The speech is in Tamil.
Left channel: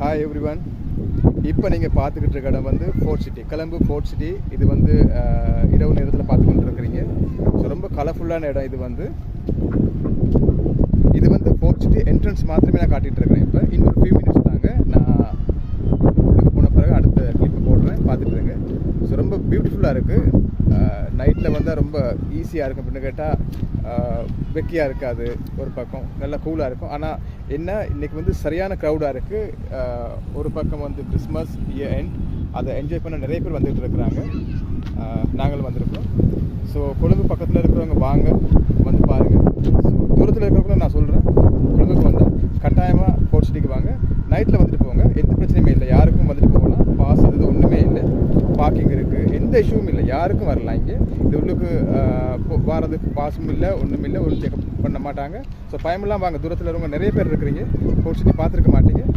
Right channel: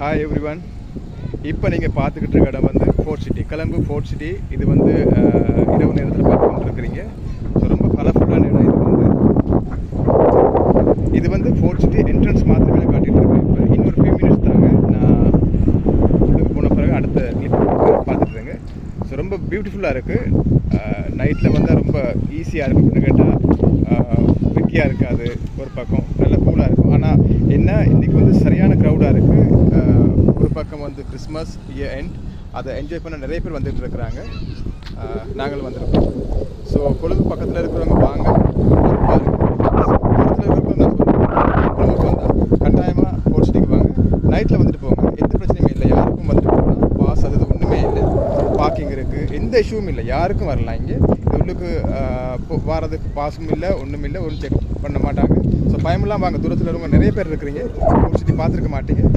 Hi everyone. இப்போ நீங்கள் பார்த்துக்கிட்டு இருக்க இடம் வந்து ஃபோர்ட் சிட்டி, கொலம்பு ஃபோர்ட் சிட்டி. இது வந்து இரவு நேரத்தில் பார்த்து கொண்டு இருக்கிறீங்க. ஸோ ரொம்ப கலர்ஃபுல்லான இடம் இது வந்து ஃபோர்ட் சிட்டி என்ட்ரன்ஸ் மாத்திரமே நான் காட்டிகிட்டு இருக்கிறேன். இப்போ இன்னொரு ஃபியூ மினிட்ஸ் தாங்க நான் உள்ளுக்கு போன பிறகு அடுத்த கிளிப் பார்த்துட்டுருங்க. ஸோ ரொம்ப பியூட்டிஃபுல்லாக இருக்குது. நைட்டில் வந்தால் ரொம்ப ஈஸியாக இருக்கும். அப்படின்னு கேட்டால் வெக்கியாக இருக்காது, ஒரு பக்கம் நல்ல கூலாக இருக்கும். ஆனால் என்ன, இன்றைக்கி வந்து சரியான க்ரௌடாக இருக்குது. ஒரு பக்கம் வந்து கிறிஸ்மஸ் இயர் எண்ட், அதை என்ஜாய் பண்ண நிறைய பேர் வந்துகிட்டு இருக்கிறாங்க. நாங்கள் வந்திருக்கோம். ஸோ கொழும்பு பக்கத்தில் இருக்கிறவங்க வாங்க வந்து பாருங்கள். தூரத்தில் இருக்கிறவங்க நான் சொல்கிறேன், கொழும்புக்கு வந்தால் கட்டாயமாக ஃபோர்ட் சிட்டிக்கு வாங்க. நைட்டில் வந்துட்டு போங்க, எந்த பிரச்சனையுமே இல்லை. யாருக்கும் வந்துட்டு போகலாம். பாஸ் அது ஒன்றுமே இல்லை, பார்க்கிங் இருக்குது, எந்த இஷ்யூவும் இல்லை. யாருக்கும் வரலாம். இங்கே இது உள்ளுக்கு வாரதுக்கு பாஸும் இல்லை, ஒன்றும் இல்லை, ஒன்றும் செக் பண்ண மாட்டாங்க. ஸோ பயமெல்லாம் வாங்க. தூரத்தில் இருக்கவங்க நிறைய பேர் இருக்கிறீங்க, ஃபோர்ட் சிட்டி பார்த்துருக்க மாட்டீங்க.